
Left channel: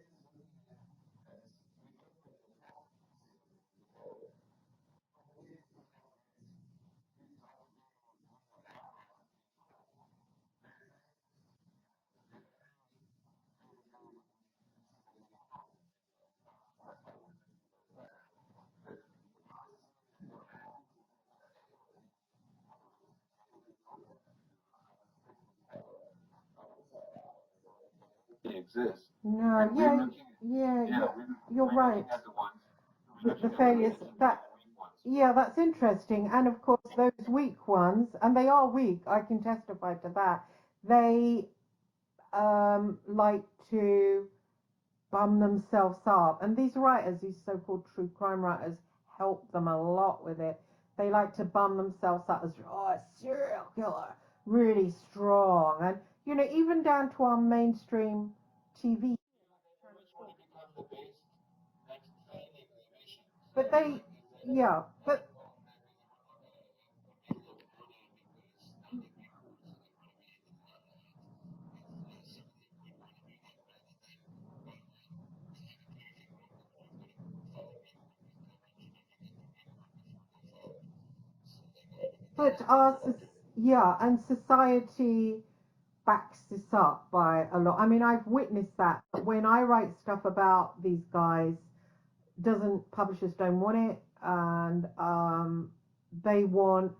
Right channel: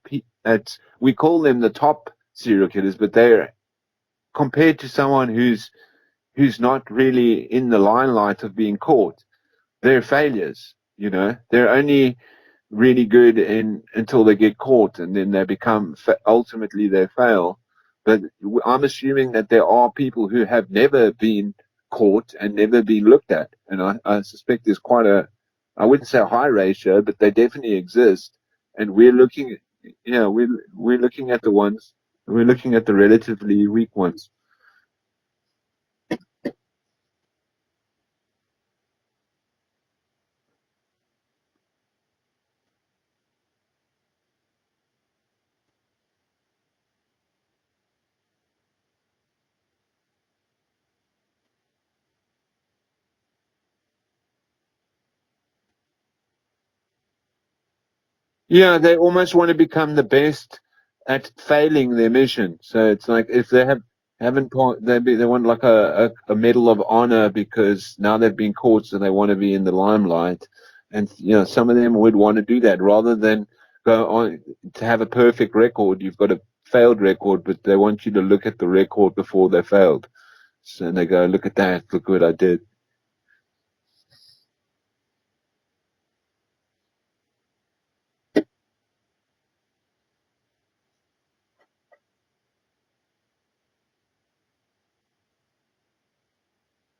we call them the top serial killers, but they're compared to someone who's not really in the limelight of being caught, they're failures. You know, they're only really good in until they get caught, and then they become ultimately they fail. But I'm assuming that there are people who have never been caught and never been looked at, and I suspect there's quite a, I wouldn't say a high ratio, but they definitely exist. And we're looking, Yeah, yeah, yeah, yeah. we're looking at the You're ones, right. we're looking at the The relatively weak failures ones. that yeah, that's interesting. And of course, those weak ones, and they are weak. I can testify to that. They like to bum themselves up. And these writers, these so called true crime writers, help them a lot with it. They like to bum themselves up as, oh, a serial killer, really strong. And, even down to our mainstream Yeah, they TV, almost want to become the best at failing their mission. So it's like if they they, haven't yeah, they want like a medal of honor because now they've been caught, so they want to be in the limelight. And some of them would want to do that rather than go on to have a perfect record. You've got a failed record, but they want you to look at the record before they failed. So they go, look at that, look what I but did. yeah, and society backs this up by a lot. I mean, I've witnessed that when I write stuff about these guys, doesn't publishers don't want it, and they want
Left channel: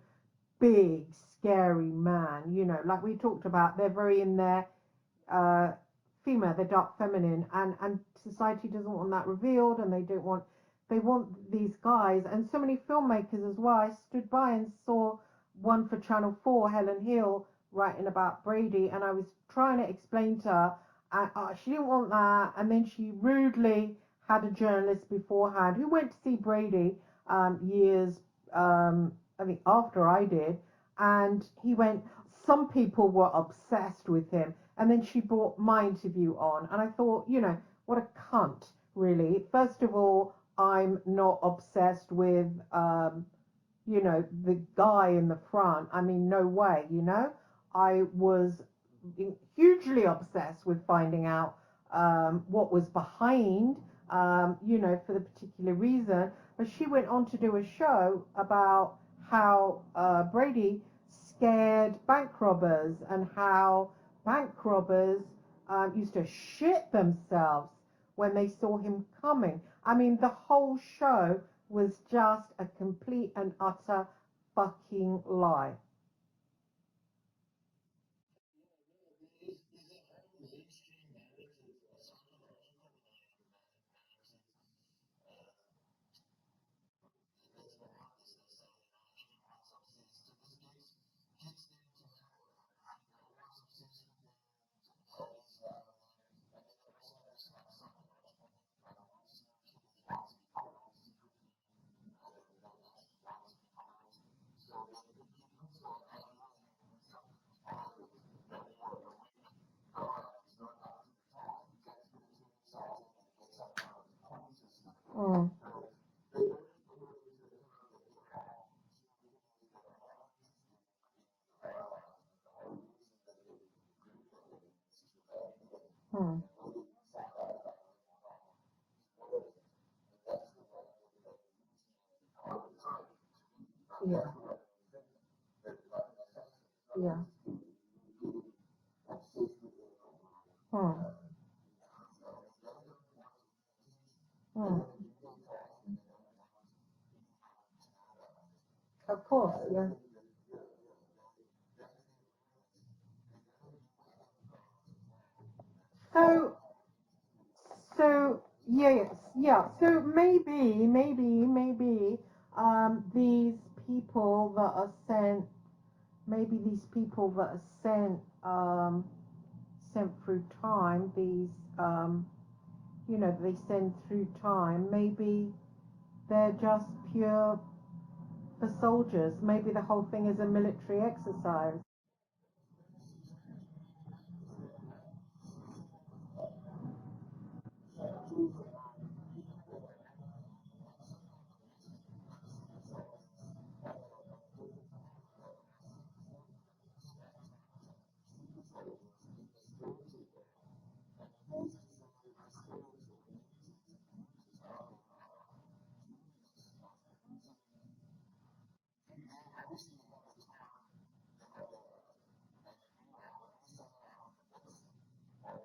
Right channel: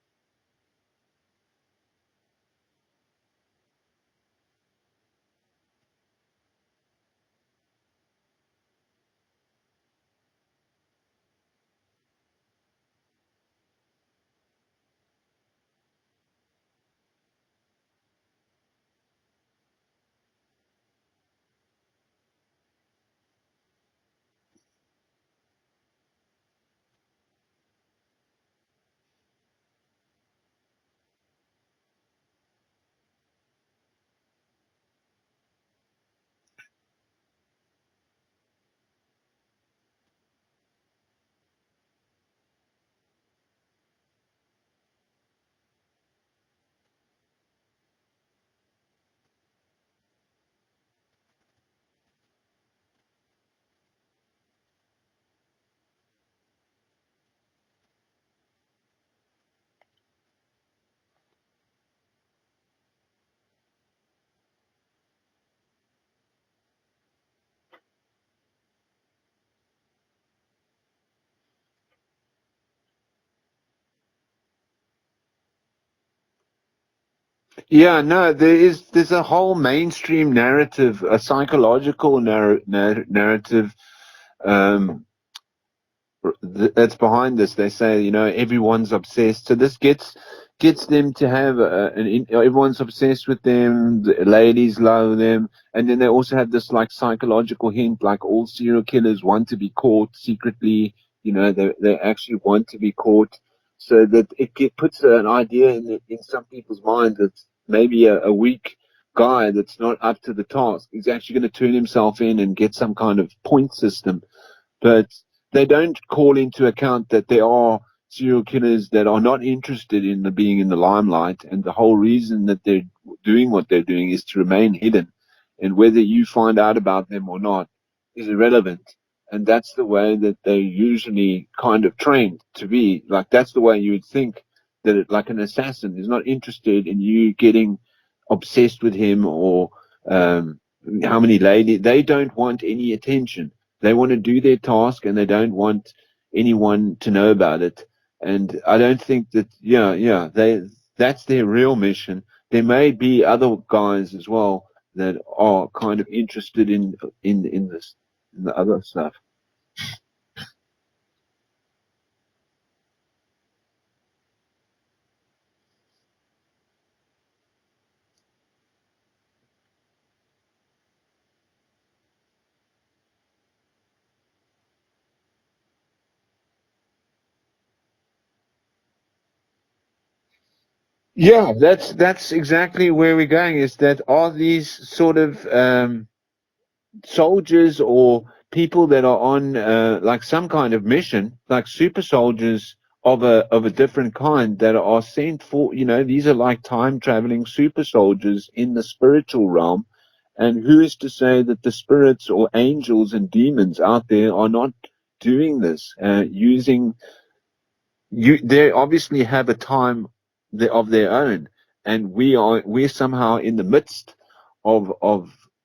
big, scary man. Like we talked about, they're very in their uh, female, they're dark feminine, and society doesn't want that revealed, and they want these guys, and so many filmmakers as well. I stood by and saw one for Channel 4, Helen Hill, writing about Brady, and I was trying to explain to her, she didn't want that, and then she rudely had a journalist beforehand who went to see Brady years, I think, after I did, and he went, some people were obsessed with him. And then she brought my interview on, and I thought, what a cunt, really. First of all, I'm not obsessed with, the guy in the front. I mean, no way. I was hugely obsessed with finding out what was behind, for the particular reason. But she went on to do a show about how Brady scared bank robbers and how bank robbers used to shit themselves when they saw him coming. I mean, the whole show was just a complete and utter fucking lie. Yeah, no, there's a whole mainstream narrative, a psychological narrative um, that's behind this. They say, everyone's obsessed. So this gets them to have everyone's obsessed with them. The ladies love them, and then they also have this like psychological hint, like all serial killers want to be caught secretly. They actually want to be caught, so that puts an idea in some people's mind that maybe a weak guy that's not up to the task is actually going to turn himself in and get some kind of point system, but Mm, they don't call into account that there are serial killers that are not interested in being in the limelight, and the whole reason that they're doing what they're doing is to remain hidden, and whether you mm, find out about them or not is irrelevant. And that's the way that they're usually kind of trained to be. Like that's the way you would yeah, think that like an assassin is not interested in yeah, you getting obsessed with him or um, mm, how many ladies. They don't want any attention. They want to do their mm, task and they don't want anyone to know about it. And I don't of think that, course. yeah, that's their real mission. There may be other guys as well that are kind of So, interested in this so in the other yeah, stuff. yeah. So maybe these people that are sent, maybe these people that are sent through time, these they send through time. Maybe they're just pure for soldiers. Maybe the whole thing is a military Yeah, exercise. that's exactly where we're going. Is that are these sort of soldiers or people that are on like some kind of mission, like super soldiers of a different kind that are sent for. These are like time traveling super soldiers in the spiritual realm, And who is to say that the spirits or angels and demons out there are not doing this, using they obviously have a time of their own, and we're somehow in the midst of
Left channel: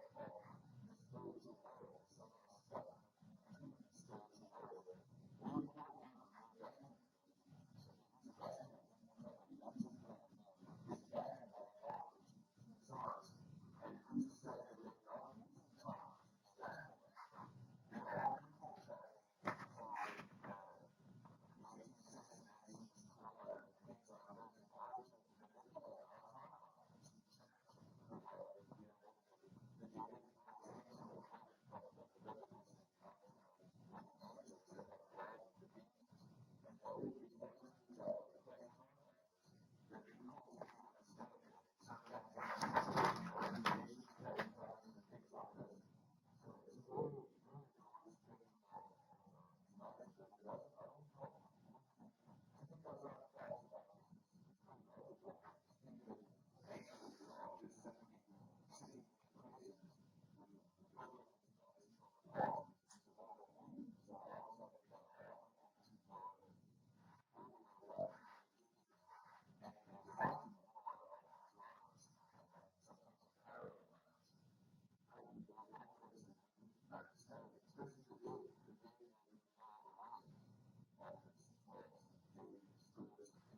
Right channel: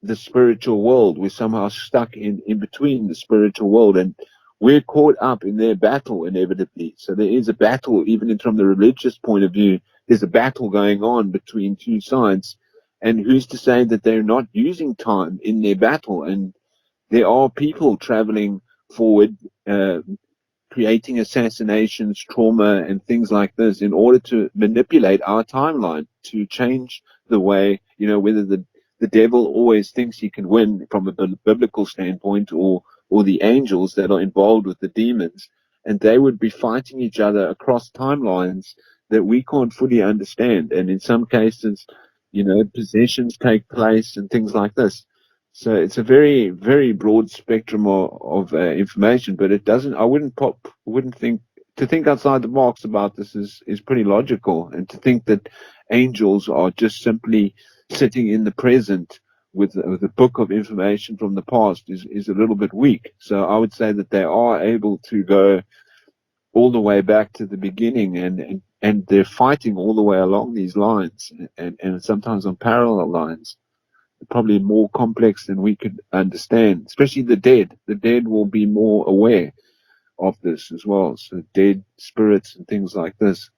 the spiritual world. We're somehow stuck in between the spiritual world, and we're caught up in their battle inevitably. So there is a battle, even from the religious point of view. There's a battle going on between two sides, and who's to say that they're not using time in their battle? And there are people traveling forward, creating assassinations, trauma, and things like this in order to manipulate our timeline to change the way, whether the devil always thinks he can win from a biblical standpoint, or the angels that are involved with the demons, and they would be fighting each other across timelines that we can't fully understand. And in some cases, possessions take place and things like this. So it's a very, very broad spectrum of information, but it doesn't. I wouldn't think to think outside the box about this is pretty logical, and to think that angels are just simply sitting in the present with a book of information from the past is a little bit weak. So I would say that they are able to go all the way back to the beginning, and they're fighting all the way along these lines, and sometimes on parallel lines, probably more complex than we could understand, especially the dead. The dead will be more aware of this as well. So dead spirits and things like this.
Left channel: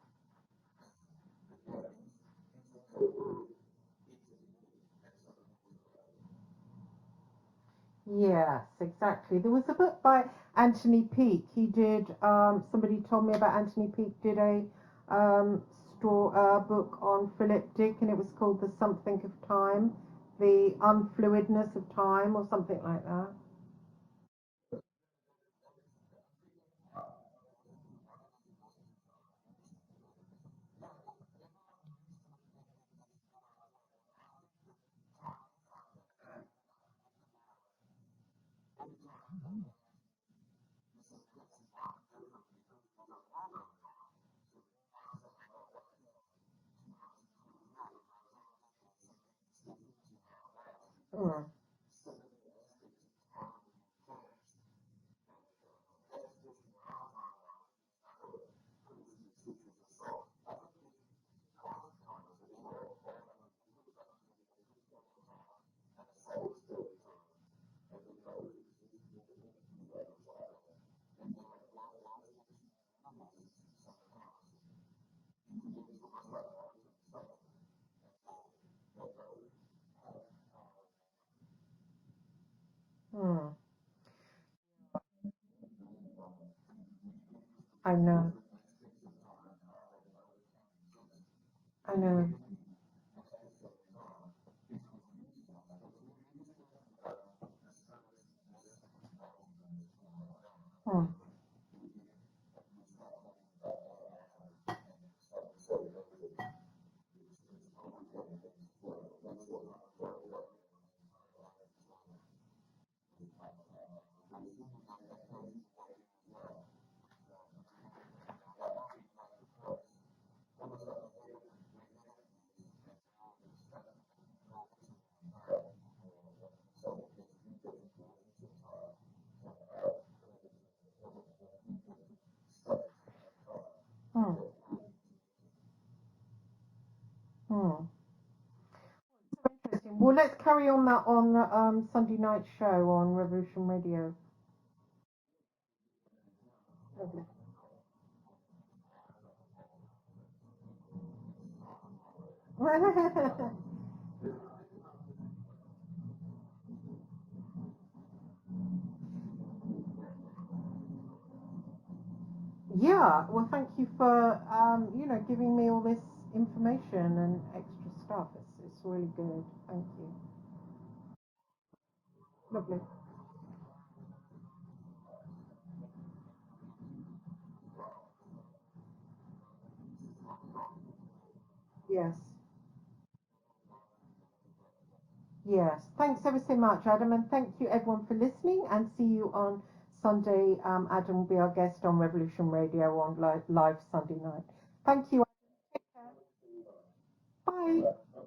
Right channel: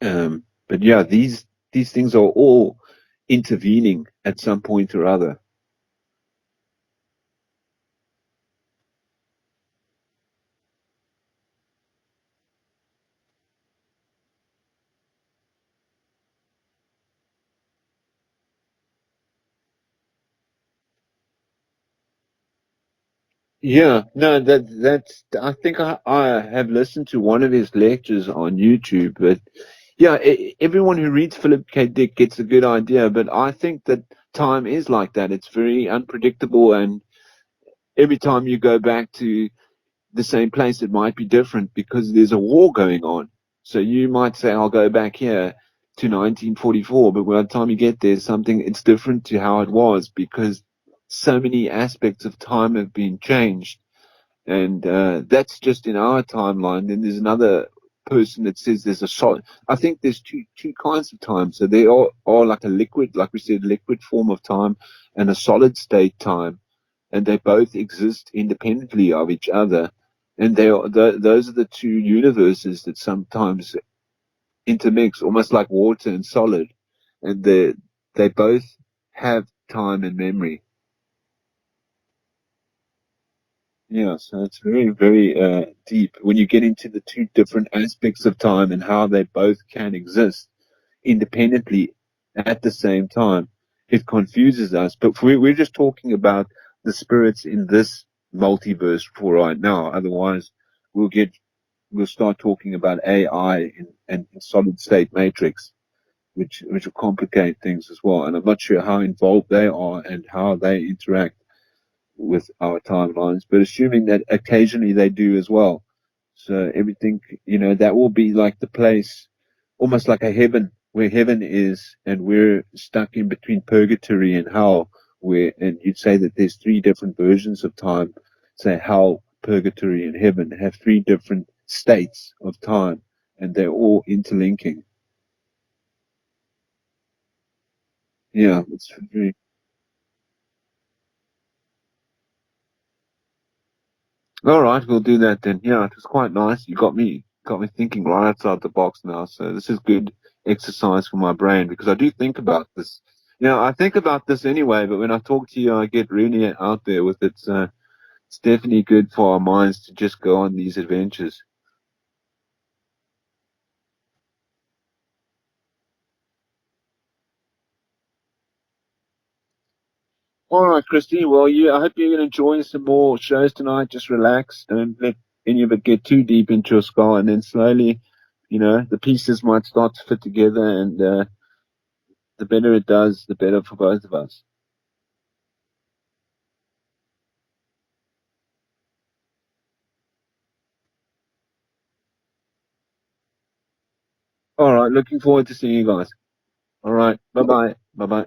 But yeah, these things are all intervening at some point or other. Yes, exactly. There was a book by Anthony Peake. He did. Somebody told me about Anthony Peake. Did a book on Philip Dick, and it was called "The Something of Time," the unfluidness of time, or something like that. Yeah, no, that's. I think I have listened to one of his lectures on YouTube, but yeah, everyone who reads Philip K. Dick gets a good idea. But I think that time is like that. It's very unpredictable, and every time you go back to the same place, it might be different because there's a war going on. So you might say, I'll go back here to 1944, but by the time you get there, it's different to how it was because so Mm. many aspects of time have been changed. And that's just in our timeline. Then there's another person that says there's a solid. I think there's two kinds of time. So there are like a liquid, like we said, liquid form of time and a solid state time, and they both exist independently of each other. And those are the two universes that sometimes intermix, almost like water and solid, and they both have time and memory. Mm. Yeah, so it's very, very deep when you get into the two different I aspects know. of time and how they both can exist independently I know. at the same time. It confuses us, but we're just talking about the spirits in this multiverse for right now. Otherwise, we'll Mm. get we'll start talking about AI and solid state matrix, which will complicate things as well. And I'm not sure how involved they are and how they interact with our timelines, but assuming that occasionally they do as well. So everything, that will be like the place, almost like a heaven, where heaven is, and we're stuck in between purgatory and hell. And you'd say that there's three different versions of time. Say hell, purgatory, and heaven have three different states of time, and they're all Mm. interlinking. Mm. Yeah, it's very. Interesting. Well, let's carry on that on Sunday night show on Revolution Radio. All right, we'll do that then. Yeah, it was quite nice. You got me thinking right outside the box now. So this is good exercise for my brain because I do think about this. I think about this anyway, but when I talk to you, I get really out there with it. So it's definitely good for our minds to just go on these adventures. Yeah, well, thank you for giving me all this information and extra stuff. It's really good. Thank you. All right, Christy. Well, I hope you're going to join Lovely. some more shows tonight. Just relax. Don't let any of it get too deep into your skull, and then slowly, the pieces might start to fit together, and Yes. the better it does, the better for both of us. Yes. Thanks ever so much, Adam, and thank you everyone for listening. And see you on Sunday. Adam will be our guest on Revolution Radio on live Sunday night. All right, Thank looking you. forward to seeing you guys. All right, bye bye. Yay. Bye bye.